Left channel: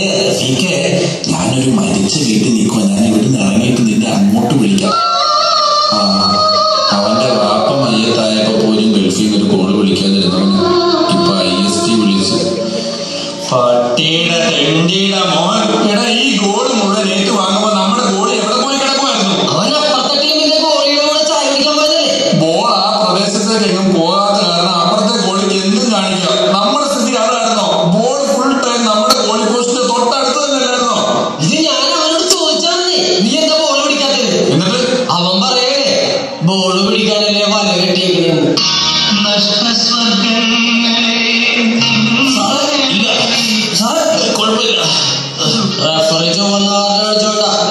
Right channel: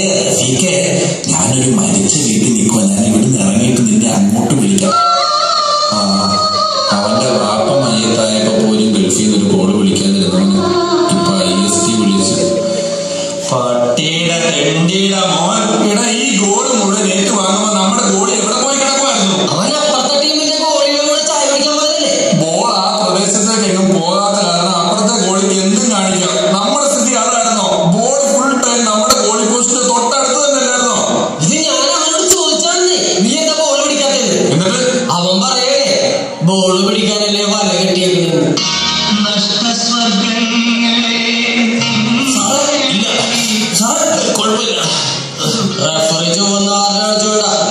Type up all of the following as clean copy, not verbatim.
അതെ റഫീഖെ, ഞാനൊരു മരിച്ച വീട്ടിൽ നിൽക്കുക. ഞാൻ ഇവിടുന്ന് ഇറങ്ങിയിട്ട് നിന്നെ അങ്ങോട്ട് വിളിക്കാം. അവന്റെ വാപ്പ മയ്യത്തായപ്പോ പോലും ഗൾഫിൽ നിന്ന് ഒരു കോള് വിളിക്കാതിരുന്നു. ഇപ്പൊ IST വിളിച്ച് പട്ടിയുടെ തെണ്ടിയുടെ മോൻ. ഈ ഗോള് മുഴുവൻ ഏറ്റു വാങ്ങുമ്പോ നമ്മുടെ ഗോള് എവിടെ പോയി കിടക്കുമായിരുന്നു? ബോൾ ആ പ്രദേശത്തേക്ക് എങ്ങും പോകാത്ത കാരണം അവിടുത്തെ ഗോളിക്ക് എന്തും കാണിക്കാം. നമ്മുടെ സ്ഥിതി അതായിരുന്നോ? ബോൾ ഫുൾ ടൈം നമ്മുടെ ഗോളി പോസ്റ്റിന്റെ തൊട്ടടുത്ത് തന്നെ അല്ലായിരുന്നോ? ഇത് ഞാൻ അവനോട് ചോദിച്ചാന്നേ, നീ എന്താ ബോൾ പിടിക്കാത്തത്? എന്നിട്ട് അവൻ പറയേ ബോൾ പിടിക്കാനല്ലേ വല കെട്ടിയേക്കുന്നത്.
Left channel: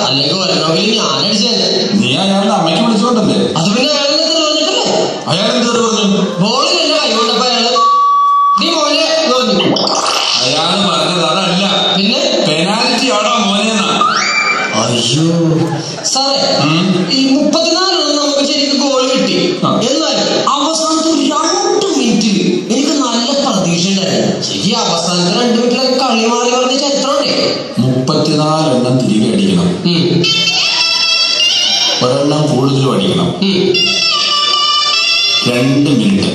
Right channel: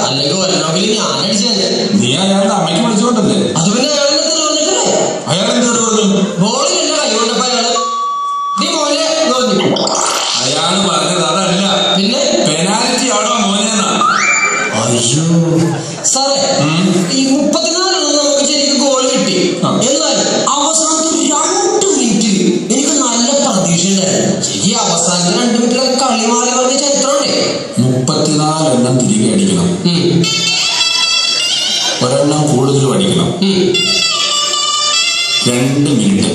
അല്ലെങ്കിൽ ഒരെണ്ണമെങ്കിൽ ഞാൻ അടിച്ചത്. നീ അയാളുടെ അമ്മയ്ക്ക് വിളിച്ചോണ്ടല്ലേ? അത് പിന്നെ അയാൾ എന്തോട് പറഞ്ഞു? ബോളിൽ എന്നെ കൈകൊണ്ടപ്പോ നീ മോനെ തോന്നി. അയാൾ പറഞ്ഞത് അതല്ല, പിന്നെ പെനാൽറ്റി ആണോ മോനെന്നാ. അയ്യോ സാറേ, ഈ 34 നമുക്ക് ശരിക്കും ഗോൾ കിട്ടി. എന്നാൽ അവസാനത്തെ 2 മിനിറ്റ് എനിക്ക് നല്ല പ്രതീക്ഷ ഉണ്ടായിരുന്നു. ശരി, അവസാനത്തെ 2 മിനിറ്റിലൊക്കെ കളി മാറി പറഞ്ഞ ചരിത്രമുണ്ടേ. 34 എണ്ണം തിരികെ അടിക്കണം, ഒരെണ്ണം കൂടുതലും അടിക്കണം. 2 മിനിറ്റ്.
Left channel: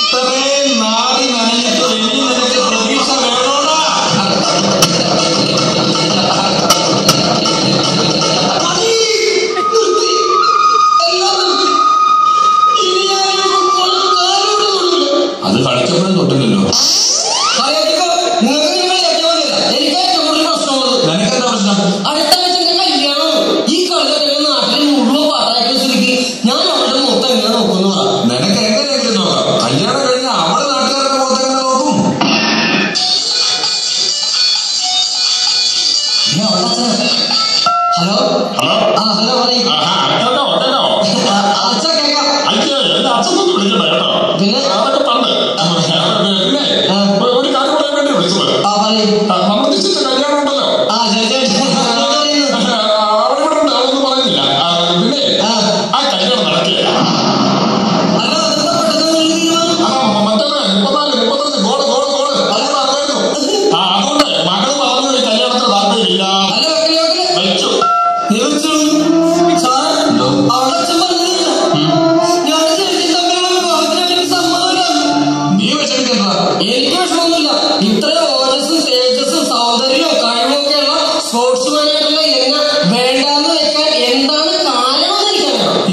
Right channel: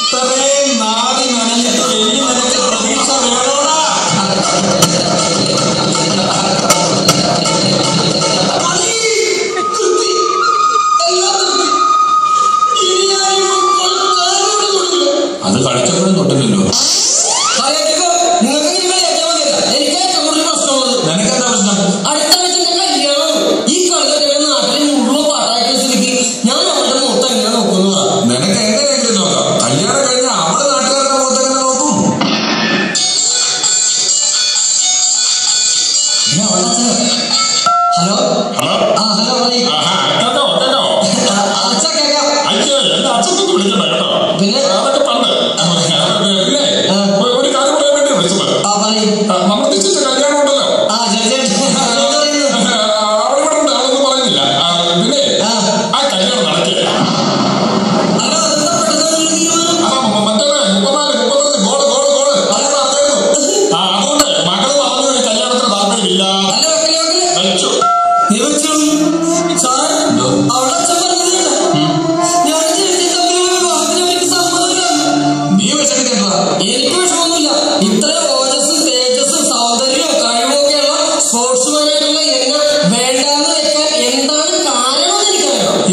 ഇത്രയും നാടി നനഞ്ഞിട്ട് വലിയ നിനക്ക് പ്രതീക്ഷ വേണോടാ? അത് കളിച്ചപ്പോഴും തൊട്ടില്ലല്ലോ. നിനക്കെന്താ പ്രശ്നം? അടുത്ത ആഴ്ച കല്യാണം. ഈ കൊല്ലം നാട്ടിൽ മുഴുവൻ പാട്ടാക്കിയ സ്ഥിതിക്ക് ഞാൻ അവിടെ മൊത്തം എങ്ങനെ നോക്കുന്നതാ. നിനക്ക് എങ്ങനെയൊക്കെ നോക്കാം. കല്യാണം കഴിഞ്ഞാൽ അവള് നാട്ടുകാരുടെ മുഖത്തെങ്ങനെ നോക്കും? ഹലോ ഹലോ അച്ഛ കേക്കാം. പിന്നെ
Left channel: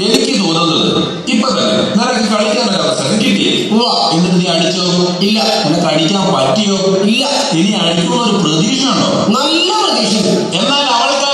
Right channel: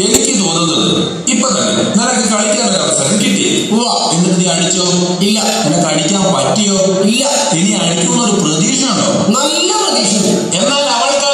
എനിക്ക് തോന്നുന്നത് ഇപ്പൊ തന്നെ നിനക്ക് കളിക്കാൻ ഒരു അവസരം കിട്ടി. എന്നിട്ട് നീ അടിച്ചോ? ഇല്ല. നിനക്ക് അടിക്കാൻ പറ്റിയോ? ഇല്ല. ഇനി അടിക്കുന്ന ഒരു പ്രതീക്ഷ ഉണ്ടോ? നല്ല പ്രതീക്ഷ. എന്നാൽ അവൾക്ക്